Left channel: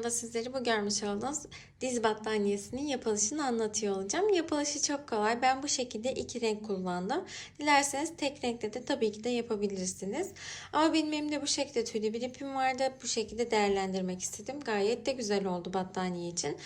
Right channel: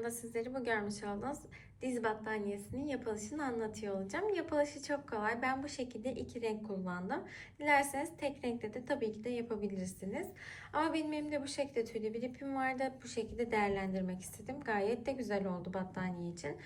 videomda sizlere bu görmüş olduğunuz diz battaniyesinin yapılışını anlatıyor olacağım. Yapılışı çok kolay. Ben bu şekilde iki renk kullandım. Dilerseniz tek renkte de tabii ki de yapabilirsiniz. Ama benim elimde bu şekilde tüylü bir ipim vardı. Bu şekilde değerlendirmek istedim. Gayet de güzel oldu battaniye için.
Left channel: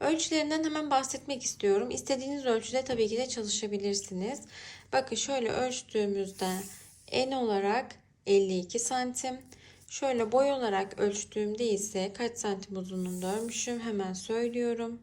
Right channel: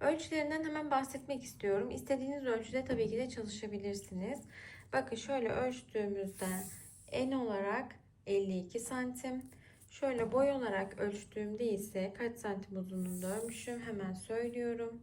Ölçülerinden hemen bahsetmek istiyorum. İstediğiniz ölçüde tabii ki de çalışabilirsiniz. Bakın şöyle ölçtüğümüzde en olarak 52 santim. Şöyle boy olarak ölçtüğümde ise kaç santim uzunluğunda örmüşüm hemen söylüyorum.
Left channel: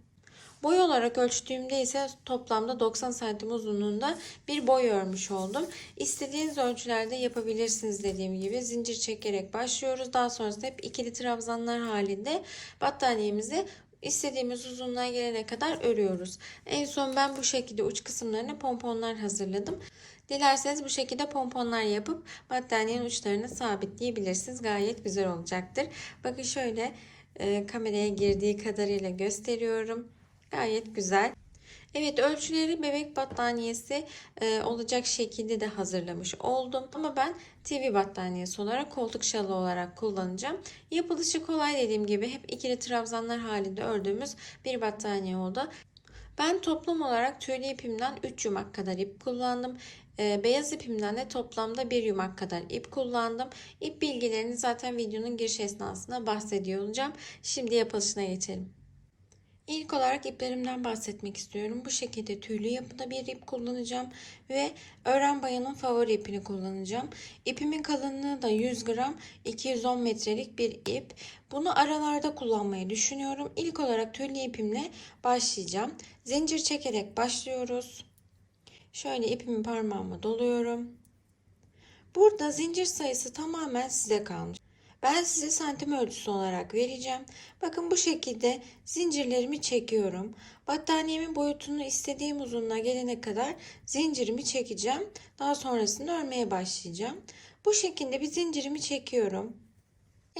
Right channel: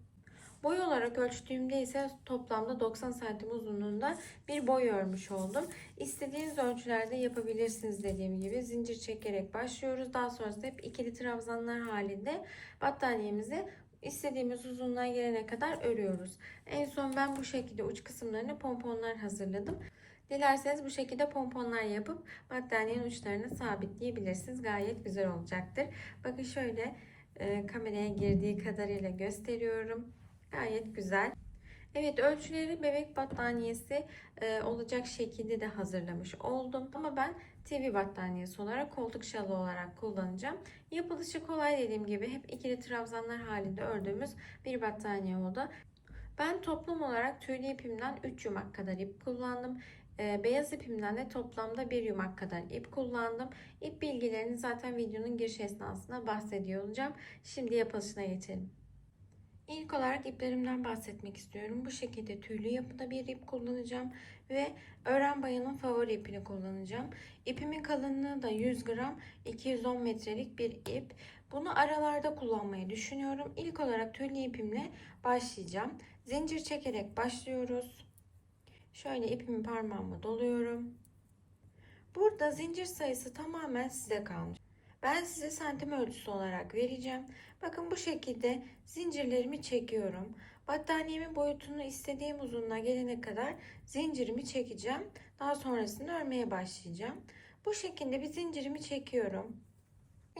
Boy olarak ölçtüğümde ise toplamda 90 santim uzunluğunda bir boy örmüş oldum. İstediğiniz ölçülerde yapabilirsiniz dediğim gibi zincir çekerek başlıyoruz. Daha sonrasında hep ikili trabzanlar halinde battaniyemizi istediğimiz uzunluğa gelene kadar örüyoruz. En son ben bu şekilde uç kısımlarına pomponlar hazırladım. Dilerseniz bu şekilde pomponlar yapıp battaniyenin uçlarını sabitleyebilirsiniz. Gayet güzel olacaktır. Bakın şöyle e, kameraya girdiği kadarıyla gösteriyorum. Gayet güzel. Evet ölçüleri bebek battaniyesi e, olacak şekilde de hazırlamış oldum. Ama ben TV battaniyesi olarak koltuk şalı olarak kullanacağım. Yapılışı kolay dediğim gibi hep ikili trabzanlar halinde ördüğümüz bir battaniye oldu. Ben toplam olarak tüylü ipimden 3 yumak kadar ip kullandım. E, beyaz ipimden de toplamda 1 yumak kadar ip kullandım. İp bilgilerini zaten videonun giriş esnasında bahsediyor olacağım. Şimdi yapılışına geçelim. İlk olarak iplerimden bahsetmek istiyorum. Bu şekilde tüylü yapıda bir ip kullanacağım ve öğren bayanın favori ipini kullanacağım. İpimin kalınlığı da 100 gram 210 metrelik bir ip. Bunu aralarda kullanmayı düşünüyorum. İlk olarak tüylü ipimle başlayacağım. Zincir çekerek başlıyoruz. Şöyle ipimi parmağıma doluyorum. Burada zincir sayısı tamamen size kalmış. Ben size santim ölçüsü olarak vereceğim. Bakın bu şekilde zincirlerimi çekiyorum. Battaniyemin boyutunu istediğim uzunluğa gelene kadar zincirimi çekeceğim. Daha sonrasında örmeye başlayacağım. Bu şekilde bir zincirimi çekiyorum.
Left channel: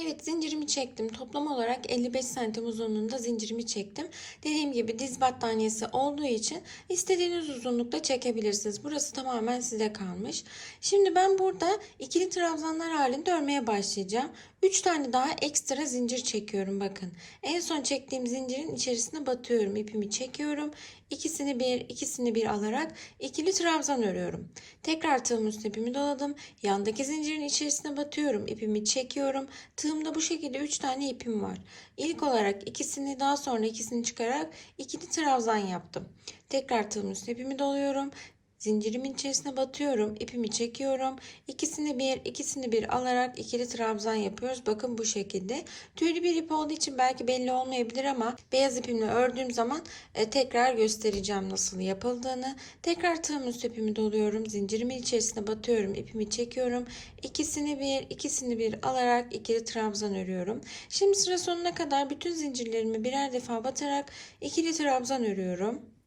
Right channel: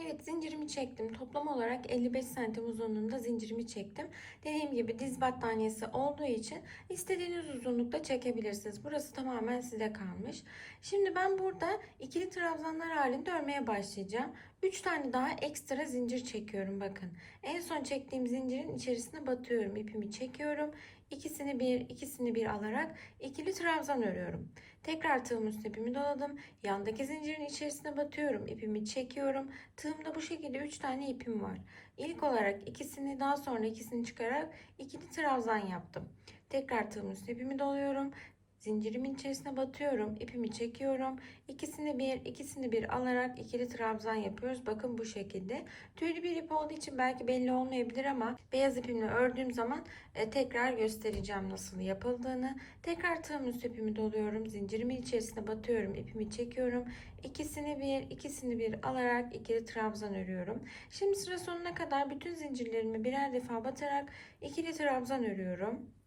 Evet zincirimi çektim. Toplam olarak 55 santim uzunluğunda zincirimi çektim. Dediğim gibi diz battaniyesi olduğu için istediğiniz uzunlukta çekebilirsiniz. Burası tamamen size kalmış. Şimdi ben burada ikili trabzanlar halinde örmeye başlayacağım. 3 tane daha ekstra zincir çekiyorum bakın. En son çektiğim zincirin içerisine batıyorum. ipimi çekiyorum. İkisini bir, ikisini bir alarak ikili trabzan örüyorum. Tekrar tığım üstüne ipimi doladım. Yandaki zincirin içerisine batıyorum. ipimi çekiyorum. Tığımda bu şekilde 3 tane ipim var. İlk olarak ikisini daha sonra ikisini çıkararak ikili trabzan yaptım. Tekrar tığım üstüne ipimi doluyorum. Zincirimin içerisine batıyorum. ipimi çekiyorum. İkisini bir, ikisini bir alarak ikili trabzan yapıyoruz. Bakın bu şekilde. Tüylü bir ip olduğu için belki belli olmayabilir ama beyaz ipimle ördüğüm zaman e, tekrar göstereceğim nasıl yapıldığını. Tekrar tığım üst ipimi doluyorum. Zincirimin içerisine batıyorum. ipimi çekiyorum. İkisini bir, ikisini bir alarak ikili trabzan örüyorum. Şimdi sıra sonuna kadar bütün zincirlerimi birer defa batarak ikili trabzan örüyorum.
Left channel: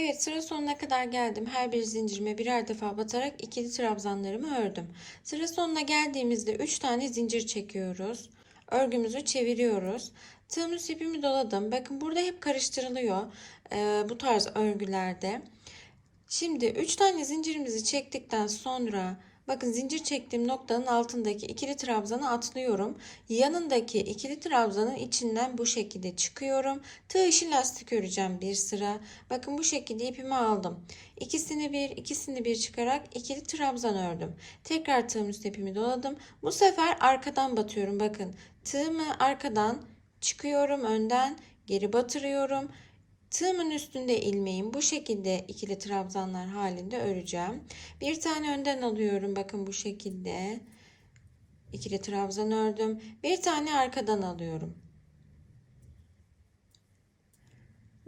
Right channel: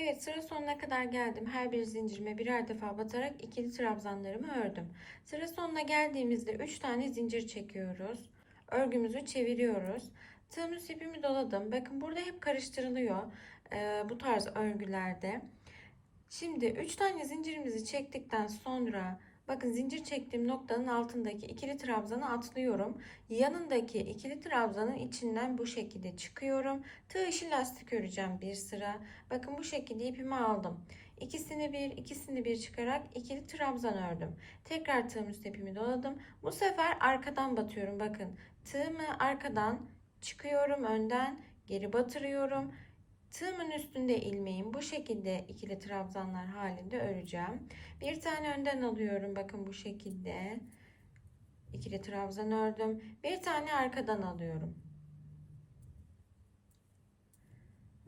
Evet sıra sonuna kadar geldim. Her bir zincirime birer defa batarak ikili trabzanlarımı ördüm. Sıra sonuna geldiğimizde 3 tane zincir çekiyoruz. Örgümüzü çeviriyoruz. Tığımız ipimi doladım. Bakın burada hep karıştırılıyor e, bu tarz örgülerde. Şimdi 3 tane zincirimizi çektikten sonra bakın zincir çektiğim noktanın altındaki ikili trabzanı atlıyorum. Yanındaki ikili trabzanın içinden bu şekilde çıkıyorum. Tığ işi lastik öreceğim bir sıra. Bakın bu şekilde ipimi aldım. İkisini bir, ikisini bir çıkarak ikili trabzan ördüm. Tekrar tığım üst ipimi doladım. Bu sefer arkadan batıyorum. Bakın tığımı arkadan çıkıyorum önden geri batırıyorum. Tığımın üstünde ilmeğim bu şekilde ikili trabzanlar halinde öreceğim. Bir tane önden alıyorum. Bakın bu şekilde ikili trabzan ördüm. Bir tane arkadan alıyorum.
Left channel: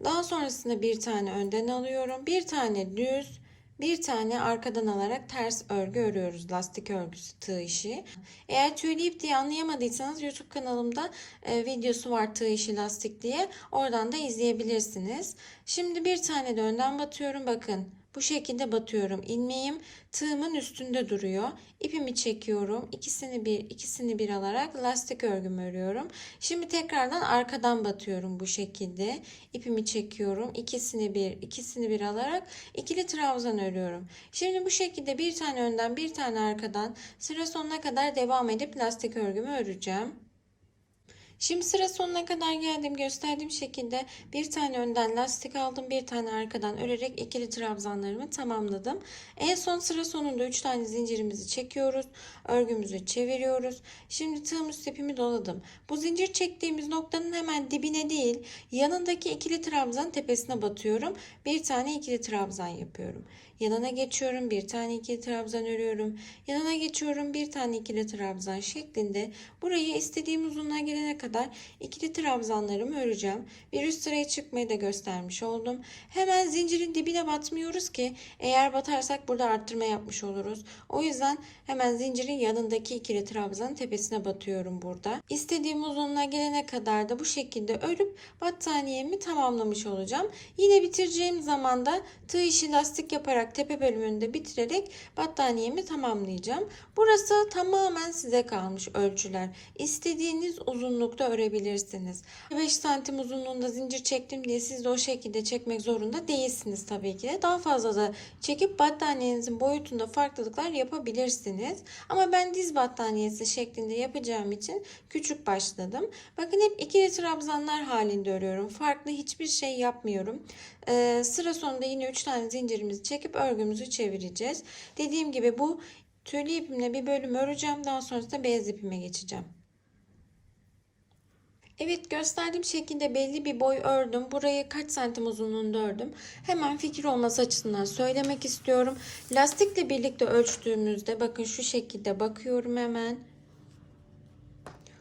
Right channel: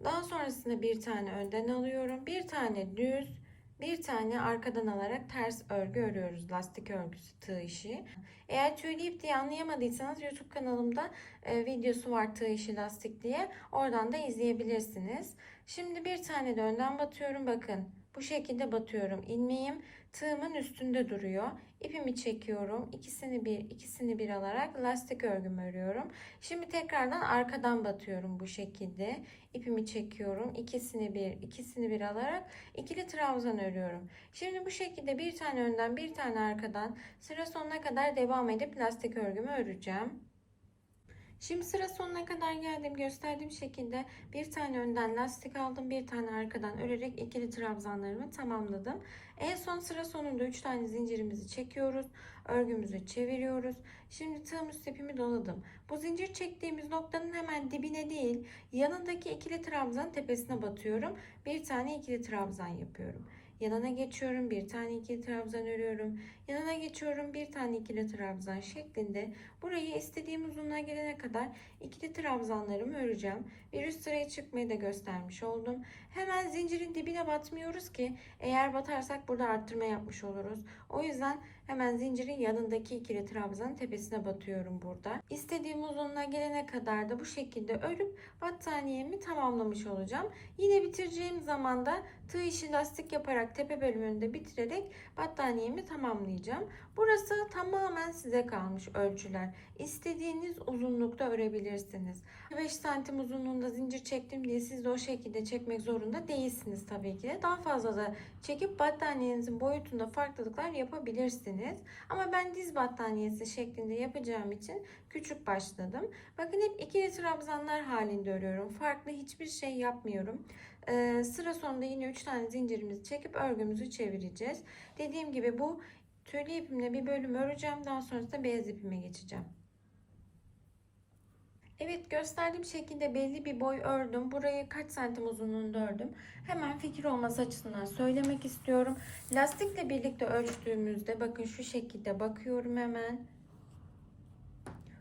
Daha sonrasında bir tane önden alıyorum. Bir tane düz, bir tane arkadan alarak ters örgü örüyoruz. Lastik örgüsü tığ işi. Eğer tüylü ip diye anlayamadıysanız YouTube kanalımda e, videosu var tığ işi lastik diye. Oradan da izleyebilirsiniz. Şimdi bir tane de önden batıyorum. Bakın bu şekilde batıyorum. İlmeğim tığımın üstünde duruyor. İpimi çekiyorum. İkisini bir, ikisini bir alarak lastik örgümü örüyorum. Şimdi tekrardan arkadan batıyorum bu şekilde. İpimi çekiyorum. İkisini bir, ikisini bir alarak ikili trabzan örüyorum. Şimdi bu şekilde bir tane önden, bir tane arkadan sıra sonuna kadar devam edip lastik örgümü öreceğim. Şimdi sıra sonuna kadar geldim. Gösterdiğim şekilde bir tane önden lastik aldım. Bir tane arkadan örerek ikili trabzanlarımı tamamladım. En son sıra sonunda 3 tane zincirimizi çekiyoruz. Örgümüzü çeviriyoruz. Şimdi tığım üst ipimi doladım. Bu zincir çektiğimiz noktanın hemen dibine değil yanındaki ikili trabzan tepesine batıyorum. Bir tane ikili trabzan yapıyorum. Yanına geçiyorum bir tane ikili trabzan örüyorum. Yanına geçiyorum bir tane ikili trabzan şeklinde burayı istediğim uzunluğa gelene kadar ikili trabzanlarımı öreceğim. Bir üst sıraya çıkmayı da göstermiş oldum. Hemen zincirin dibine batmıyoruz ki eğer batarsak burada arttırma yapmış oluruz. O yüzden hemen zincirin yanındaki ikili trabzanın tepesine batıyorum burada. İstediğim uzunluğa gelene kadar da bu şekilde örüp battaniyemi tamamlamış olacağım. Yine bitireceğim zaman da tığ işi lastik yaparak tepe bölümünde bitirerek battaniyemi tamamlayacağım. Burası tamamen size kalmış ölçüler. İstediğiniz uzunlukta örebilirsiniz. 5 santim uzunluğunda zincir çektim diye siz de o şekilde çekmek zorunda değilsiniz tabii ki de. Daha fazla da çekip battaniyenizin boyutunda farklılıklar yapabilirsiniz. Ama ben diz battaniyesi şeklinde yapacağım için küçük başladım. Bakın hep ikili trabzanlar halinde örüyorum. Farklı hiçbir şey yapmıyorum. Ee, sıra sonunda yine 3 tane zincirimizi çekip örgümüzü çevireceğiz. Dediğim gibi bu tüylü ipimle bir bölüm öreceğim. Daha sonrasında beyaz ipime geçeceğim. Evet gösterdiğim şekilde belli bir boy ördüm. Burayı kaç santim uzunluğunda ördüm. Hemen fikir olması açısından söylemek istiyorum. Lastikle birlikte ölçtüğümüzde bakın şu şekilde bakıyorum hemen.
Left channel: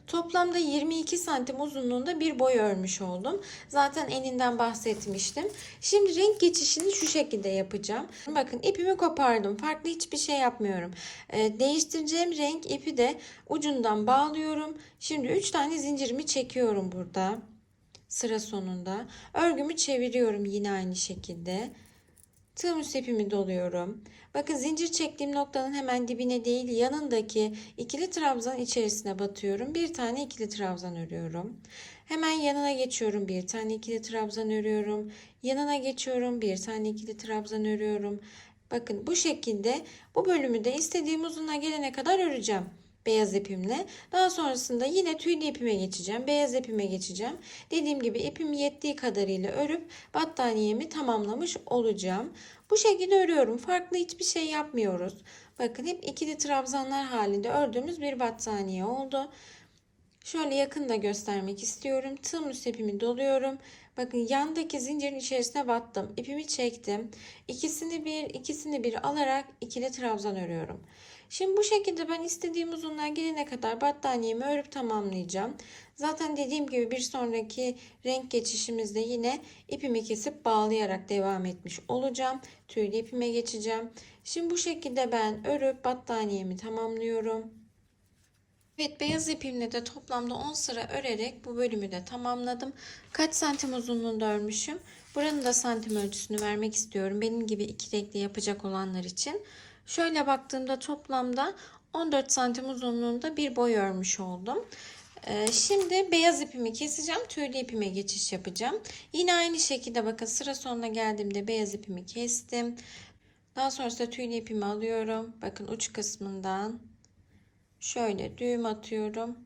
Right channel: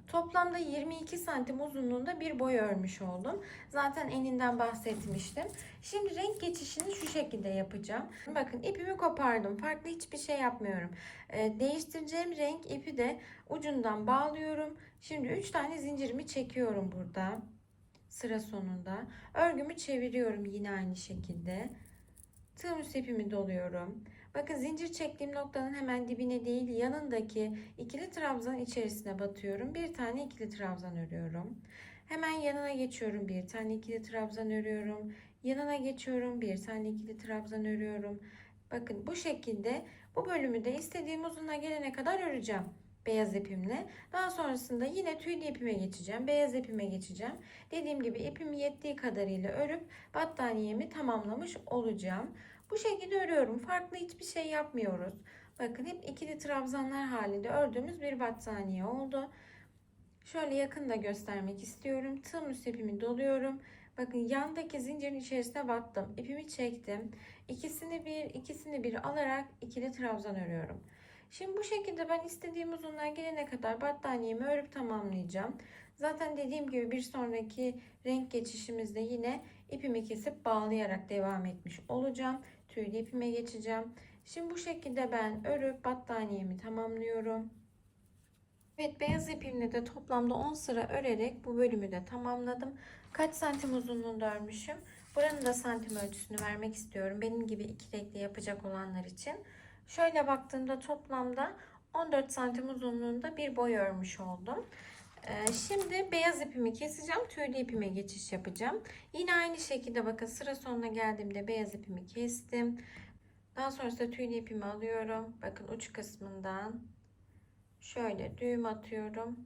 Toplamda 22 santim uzunluğunda bir boy örmüş oldum. Zaten eninden bahsetmiştim. Şimdi renk geçişini şu şekilde yapacağım. Bakın ipimi kopardım. Farklı hiçbir şey yapmıyorum. Ee, değiştireceğim renk ipi de ucundan bağlıyorum. Şimdi 3 tane zincirimi çekiyorum burada. Sıra sonunda. Örgümü çeviriyorum yine aynı şekilde. Tığım üst ipimi doluyorum. Bakın zincir çektiğim noktanın hemen dibine değil yanındaki ikili trabzan içerisine batıyorum. Bir tane ikili trabzan örüyorum. Hemen yanına geçiyorum. Bir tane ikili trabzan örüyorum. Yanına geçiyorum. Bir tane ikili trabzan örüyorum. Bakın bu şekilde bu bölümü de istediğim uzunluğa gelene kadar öreceğim beyaz ipimle. Daha sonrasında yine tüylü ipime geçeceğim. Beyaz ipime geçeceğim. Dediğim gibi ipim yettiği kadarıyla örüp battaniyemi tamamlamış olacağım. Bu şekilde örüyorum. Farklı hiçbir şey yapmıyoruz. Bakın hep ikili trabzanlar halinde ördüğümüz bir battaniye oldu. Şöyle yakında göstermek istiyorum. Tığım üst ipimi doluyorum. Bakın yandaki zincirin içerisine battım. İpimi çektim. İkisini bir, ikisini bir alarak ikili trabzan örüyorum. Şimdi bu şekilde ben istediğim uzunluğa gelene kadar battaniyemi örüp tamamlayacağım. Zaten dediğim gibi bir sonraki renk geçişimizde yine ipimi kesip bağlayarak devam etmiş olacağım. Tüylü ipime geçeceğim. Şimdi bu şekilde ben örüp battaniyemi tamamlıyorum. Evet beyaz ipimle de toplamda 10 sıra örerek bu bölümü de tamamladım. Kaç santim uzunluğunda örmüşüm? Buranın da santim ölçüsünü vermek istiyorum. Benim gibi iki renkli yapacak olanlar için. Şöyle baktığımda toplamda 14 santim uzunluğunda bir boy örmüş oldum. Ee, şimdi beyaz ipimi keseceğim. Tüylü ipime geçiş yapacağım. Yine aynı şekilde bakın sıra sonuna geldiğimde beyaz ipimi kestim. Daha sonrasında tüylü ipimi alıyorum. Bakın uç kısmından şöyle düğüm atıyorum.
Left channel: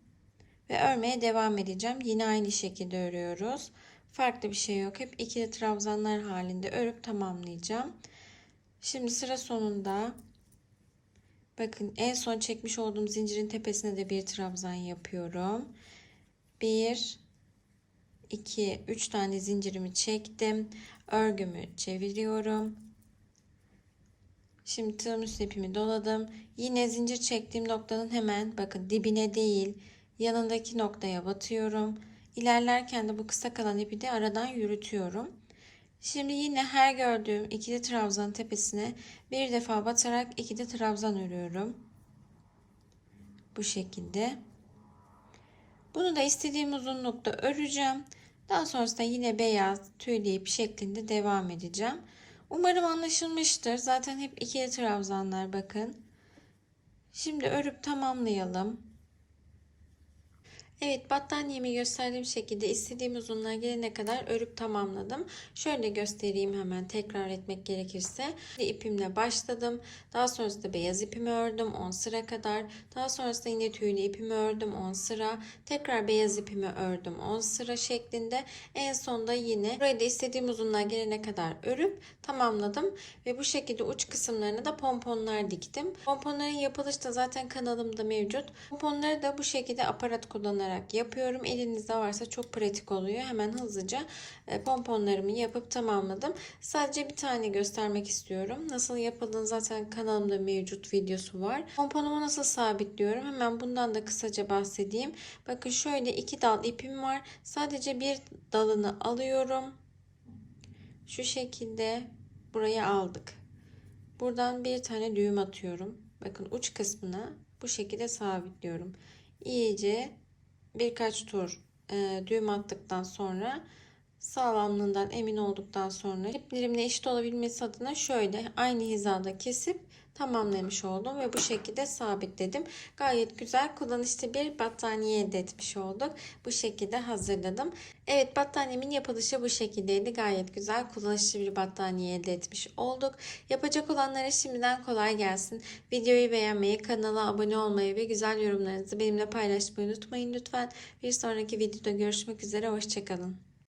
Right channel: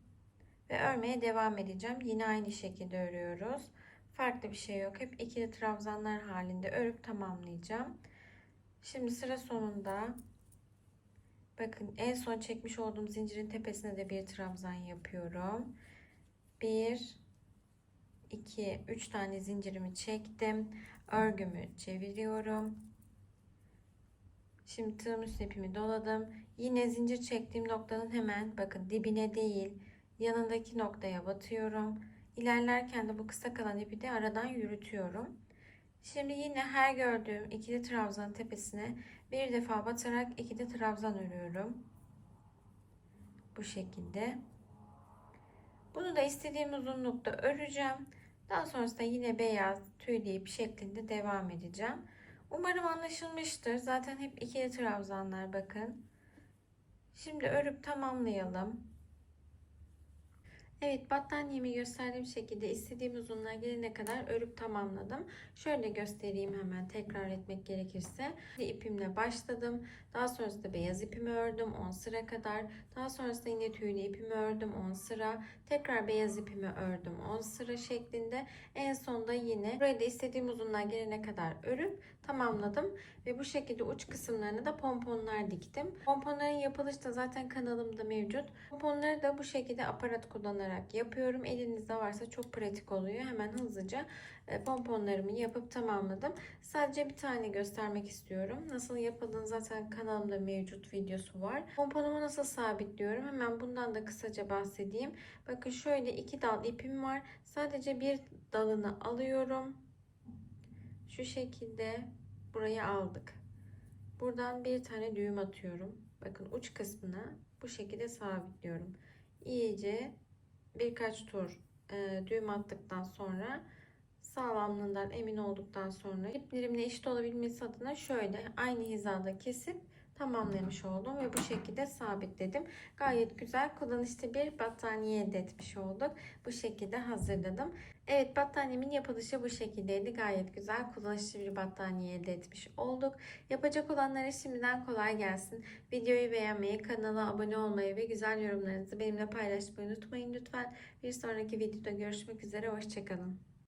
Ve örmeye devam edeceğim. Yine aynı şekilde örüyoruz. Farklı bir şey yok. Hep ikili trabzanlar halinde örüp tamamlayacağım. Şimdi sıra sonunda bakın en son çekmiş olduğum zincirin tepesine de bir trabzan yapıyorum. 1 2 3 tane zincirimi çektim. Örgümü çeviriyorum. Şimdi tığım üst ipimi doladım. Yine zincir çektiğim noktanın hemen bakın dibine değil yanındaki noktaya batıyorum. İlerlerken de bu kısa kalan ipi de aradan yürütüyorum. Şimdi yine her gördüğüm ikili trabzan tepesine bir defa batarak ikili trabzan örüyorum. Bu şekilde. Bunu da istediğim uzunlukta öreceğim. Daha sonrasında yine beyaz tüylü ip şeklinde devam edeceğim. Umarım anlaşılmıştır. Zaten hep ikili trabzanlar bakın. Şimdi örüp tamamlayalım. Evet battaniyemi gösterdiğim şekilde istediğim uzunluğa gelene kadar örüp tamamladım. Şöyle göstereyim hemen tekrar etmek gerekirse. İpimle başladım. Daha sonrasında beyaz ipimi ördüm 10 sıra kadar. Daha sonrasında yine tüylü ipimi ördüm 10 sıra. Tekrar beyaz ipimi ördüm 10 sıra şeklinde. En sonda yine burayı da istediğim uzunluğa gelene kadar örüp tamamladım. Ve bu şekilde uç kısımlarına da pomponlar diktim. Pomponların yapılışı da zaten kanalımda mevcut. Pomponları da bu şekilde aparat kullanarak yapıyorum. Elinizde varsa çok pratik oluyor. Hemen hızlıca e, pomponlarımı yapıp tamamladım. Sadece bir tane göstermek istiyorum. Nasıl yapıldığını zaten kanalımda mevcut videosu var. Pomponumu nasıl sabitliyorum? Hemen bundan da kısaca bahsedeyim. Bakın şöyle iki dal ipim var. Sadece bir dalını alıyorum. Şu şekilde buraya aldık. Buradan bir tane düğüm atıyorum. Bakın uç kısmına bu şekilde sabitliyorum. İyice birkaç tur e, düğüm attıktan sonra sağlamlığından emin olduktan sonra iplerimle eşit olabilmesi adına şöyle aynı hizada kesip tamamlamış oldum ve bu şekilde sabitledim. Gayet güzel kullanışlı bir battaniye elde etmiş olduk. Bu şekilde hazırladım. Evet battaniyemin yapılışı bu şekildeydi. Gayet güzel kullanışlı bir battaniye elde etmiş olduk. Yapacak olanlara şimdiden kolay gelsin. Videoyu beğenmeyi, kanala abone olmayı ve güzel yorumlarınızı benimle paylaşmayı unutmayın lütfen. Bir sonraki videoda görüşmek üzere. Hoşçakalın.